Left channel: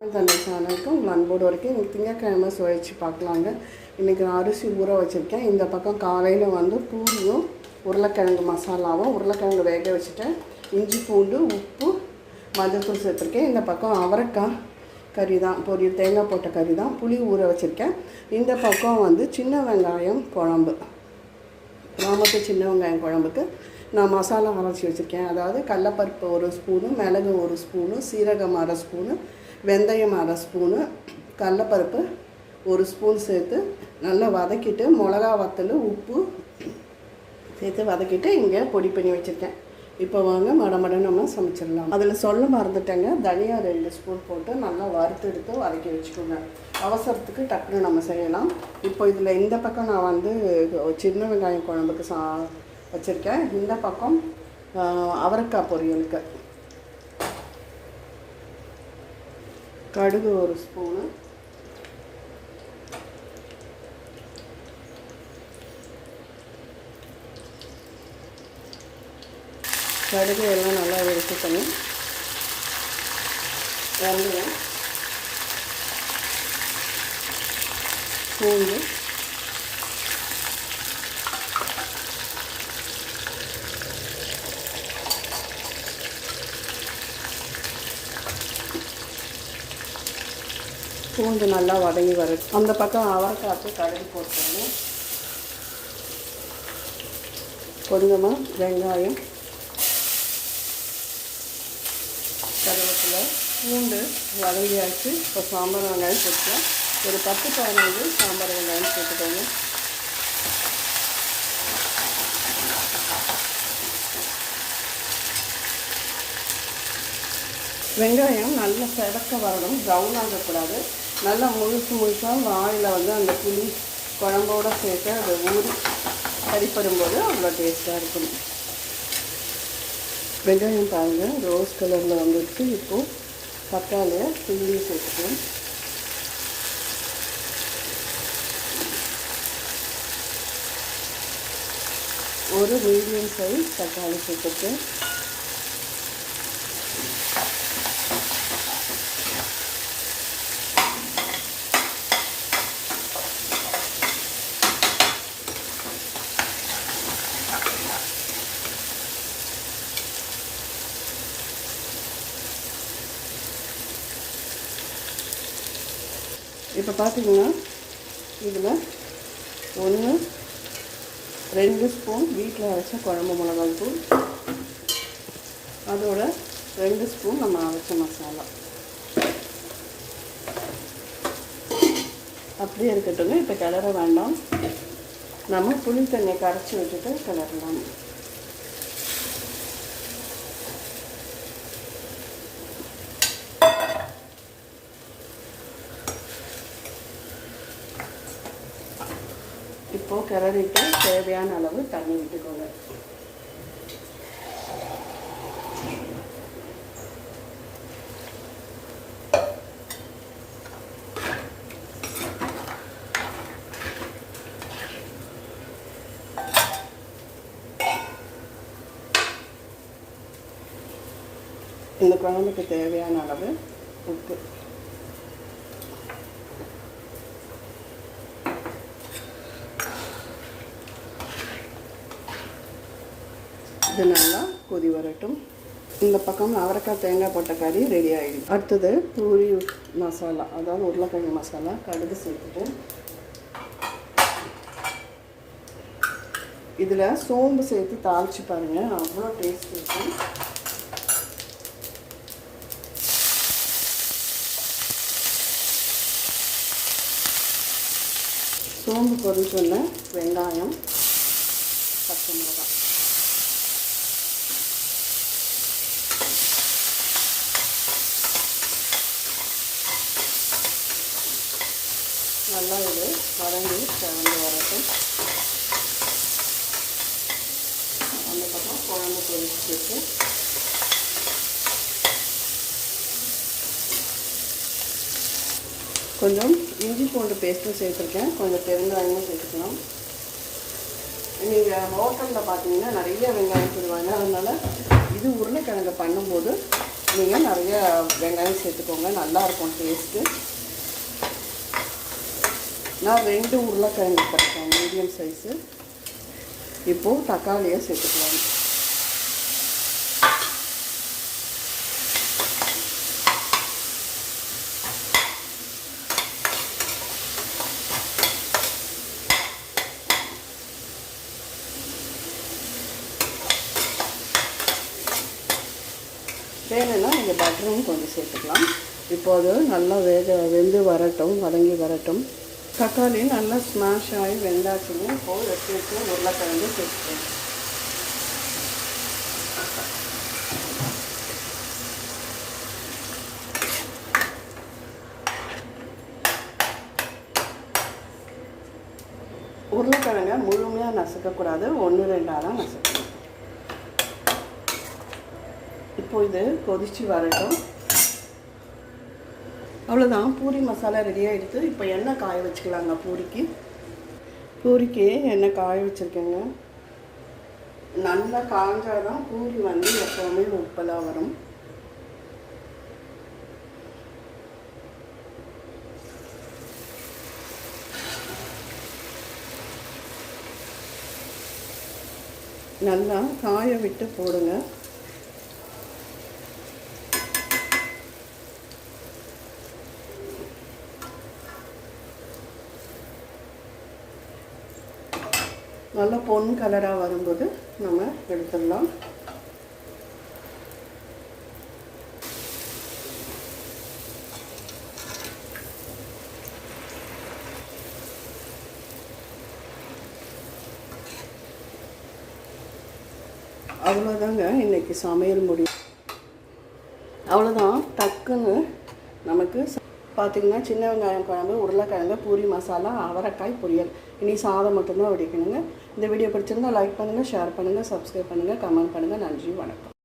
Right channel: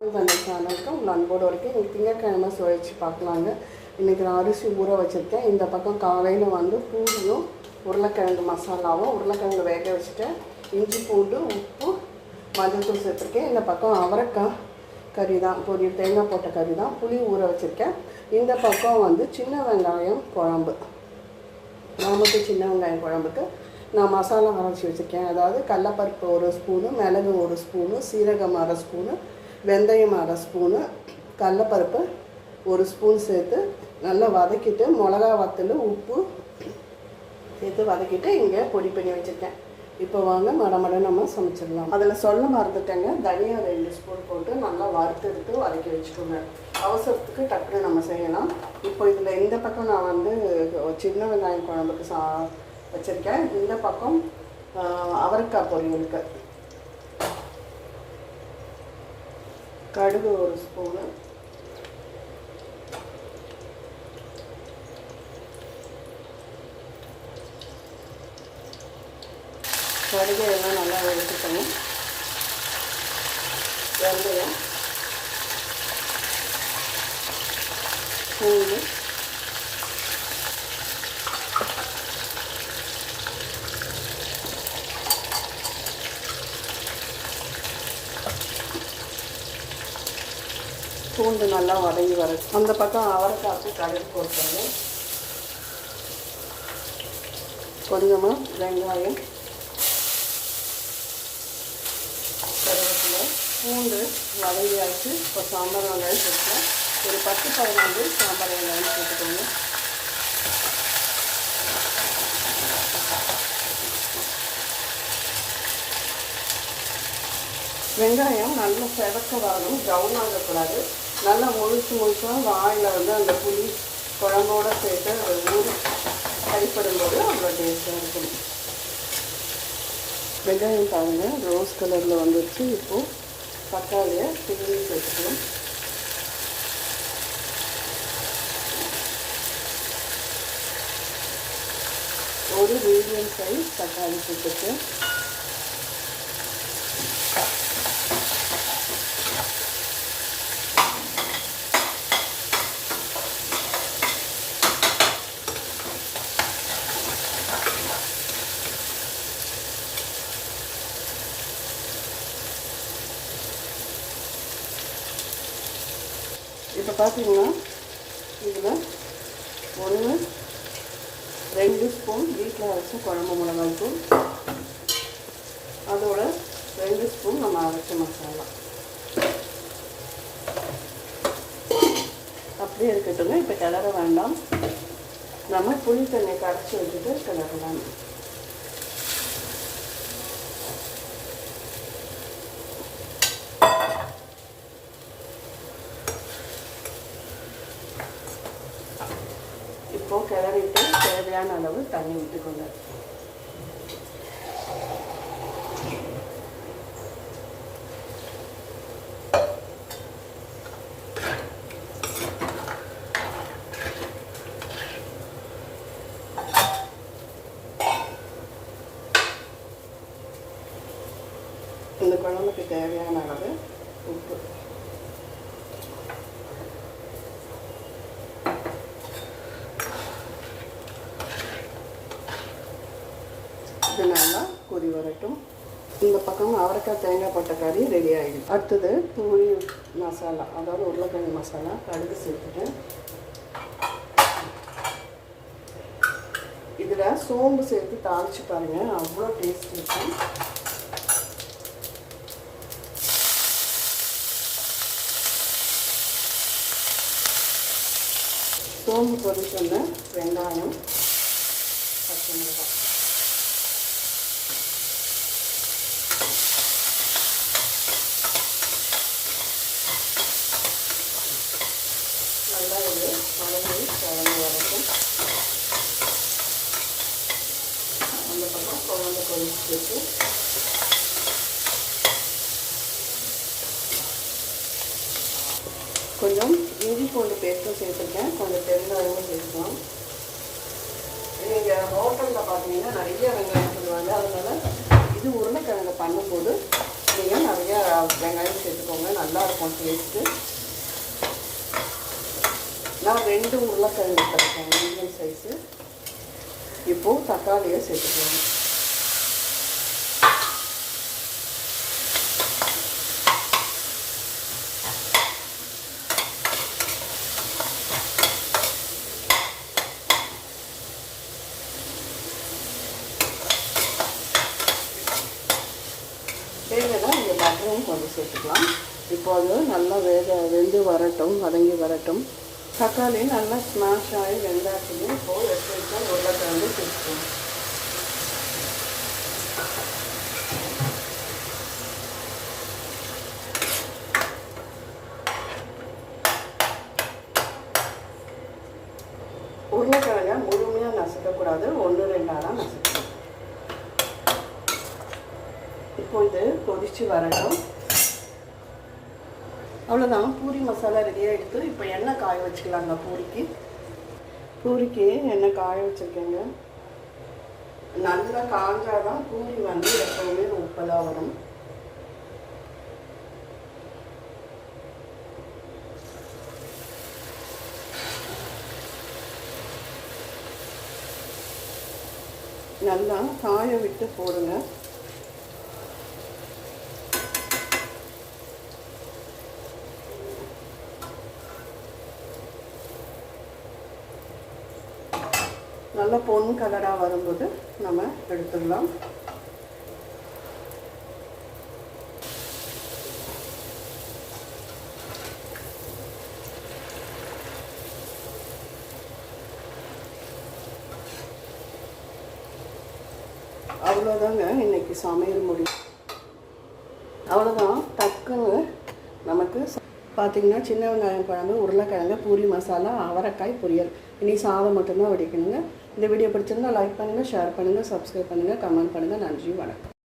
சேனலுக்கு உங்கள் அன்போடு வரைக்கும் இன்றைக்கி திங்கக்கிழமை சுவைச்சு பார்க்கலாங்க. இன்றைக்கி நான் அரிசி ஊற வச்சுருக்கேன். இந்த பக்கம் காலையில் பூரியும் உருளைக்கிழங்கு மசாலாவும் உருளைக்கிழங்கு வேக வச்சுட்டேன். இஞ்சி பூண்டு உப்பு மஞ்சள்தூள் சேர்த்துருக்கேன். இந்த பக்கம் அவரைக்காய் கறி தான், தேங்காய் போட்ட கறி தான், புளி ஊற வச்சுருக்கேன். இந்த பக்கம் சின்ன வெங்காயம் குழம்பு, சின்ன வெங்காயம் குழம்புக்கு நான் மசாலா அரைச்சி வச்சுருக்கேன். அதாவது கடலப்பருப்பு 1 ஸ்பூனு, மிளகு 1 ஸ்பூனு, சீரகம் 1/2 ஸ்பூனு, வெந்தயம் 1/2 ஸ்பூனு, கடலப்பருப்பு 1 ஸ்பூன் சேர்த்து நல்லா வதக்கிட்டு மிளகா வத்தல் உப்பு சேர்த்து வதக்கிட்டு இங்கே பொடி பண்ணி வச்சுருக்கேன். இப்போ வாங்க மடமட நம்ம சமைச்சிடலாம். அதில் சொல்ல மறந்துட்டேங்க, தனியா 2 ஸ்பூன் போட்டு நல்லா வறுத்தெடுத்து வதக்கி வச்சுக்கோங்க. அவசரத்துக்கு டக்குன்னு நம்ம செய்யலாம். இப்போ இதில் இந்த பக்கம் நான் சின்ன வெங்காயம் குழம்புக்கு வச்சுருக்கேன். இந்த பக்கம் அவரைக்காய் பொரியலுக்கு கடுகு 1 ஸ்பூனு, கடுகு எல்லாம் நல்லா எடுத்துக்கணும். வெந்தயம், பூண்டு, பூண்டு நல்லா வதங்கி வரும். அந்த பக்கம் அவரைக்காய்க்கு கடுகு போட்டுக்கணும். கொஞ்சமாக வெங்காயம், கருவேப்பிலை, பூண்டு வதங்கியாச்சு. இப்போ சாம்பார் வெங்காயம் போட்டுக்கலாம். ஒரு 10-15 சாம்பார் வெங்காயம் போட்டுக்கோங்க. வெங்காயம் நல்லா செவக்க வரணும், ப்ரௌன் ஆகக்கூடாது. நல்லா முழுசாக வாயில் அந்த புளி குழம்போடு சேர்த்து அதை ஊறி கறிப்படும்போது அவ்வளோ டேஸ்ட்டாக இருக்கணும். வெங்காயம் பாருங்கள் ரோஸ் கலரில் வந்துடுச்சு. இப்போது தக்காளியை துருவி சேர்த்துக்கலாம். ஒரு மீடியம் சைஸ் தக்காளி சேர்த்துட்டு இப்போ பார்த்தீங்கன்னா இதில் 1-2 ஸ்பூன் வீட்டில் அரைச்ச குழம்பு மிளகாய் தூள், அதோட 2 ஸ்பூன் நம்ம அரைச்ச மசாலா அப்படியே இருக்கட்டும். இப்போ கிளற வேண்டாம், நம்ம புளி தண்ணி கரைச்சி வச்சுட்டு கிளறலாம். இப்போ கிளறிட்டு தேவையான அளவு தண்ணி விட்டுக்கோங்க. இந்த குழம்புக்கு தேவையான அளவு உப்பு, இது நல்லா கொதி வரட்டும். இந்த பக்கம் அவரைக்காய் தேங்காய் போட்ட கறி ரெடி ஆகிடும். அடுத்தது பூரி மசாலா, அதாவது உருளைக்கிழங்கு மசாலா, கடுகு சேர்த்துட்டேன். இதில் சோம்பு சேர்த்து தாளிச்சு பாருங்கள், அவ்வளோ டேஸ்ட் இருக்கும். சோம்பு பொரிச்சோன்ன வெங்காயம், பச்சை மிளகாய், நல்லா இது வதங்கி கிளம்பி வரட்டும். அந்த பக்கம் குழம்பு பொரிச்சு வச்சு கொஞ்சம் இஞ்சி பூண்டு பேஸ்ட்டும் சேர்த்துருக்கேன், கொஞ்சம் பெருங்காயமும் சேர்க்கணும். நீங்கள் ஹோட்டலில் பார்த்தீங்கன்னா நிறைய வெங்காயம் போடுவாங்க, அதனால இது உருளைக்கிழங்கு பண்ணும்போது நீங்கள் நிறைய வெங்காயம் சேர்த்துக்கோங்க, நல்லாயிருக்கும் டேஸ்ட்டு. நான் 2 உருளைக்கிழங்கு எடுத்துருக்கேன், மீடியம் சைஸு. இப்போது தக்காளியை சேர்த்துக்கலாம். வேணும்னா இங்கே பட்டரும் கொஞ்சம் சேர்த்துக்கலாம். இப்போது நல்லா வெந்து வரட்டும், வதங்கி வரட்டும். தக்காளி நல்லா ஸ்மாஷ் ஆகி வெந்தாச்சுன்னு இப்போது எடுத்து வச்சு உருளைக்கிழங்கு சேர்த்துக்கணும். உருளைக்கிழங்கை முழுமையாக நசுக்கக்கூடாது, 1-2 தான் நசுக்கணும். இப்போ இது கொதிச்சு வரட்டும். அவ்வளோதான், பூரி மசாலா ரெடி ஆகிடுது. இப்போ எண்ணெய் காய வச்சுக்கலாங்க. பூரிக்கு எண்ணெய் காய வச்சுருக்கேங்க. நல்லா காஞ்சாதான் பூரி வந்து எப்போவுமே உப்பலாக வரும். நல்லா காய விட்டு போடுங்க. நல்லா பொன் கலராக வரும்போது நம்ம எடுத்துடலாம். அவ்வளோதாங்க இன்னைக்கு சமையல் முடியும். அவ்வளோதான், டக்குன்னு நமக்கு பார்த்திங்கன்னா சின்ன வெங்காயம் குழம்பு, உருளைக்கிழங்கு, பூரி மசாலா, அவரைக்காய் பொரியல். இனி சாதம் மட்டும்தான் வடிக்கணுங்க. இந்த வீடியோ பிடிச்சிருந்தால் லைக் பண்ணுங்கள், ஷேர் பண்ணுங்கள், சப்ஸ்கிரைப் பண்ணுங்கள், கமெண்ட் பண்ணுங்கள். நன்றி, வணக்கம்.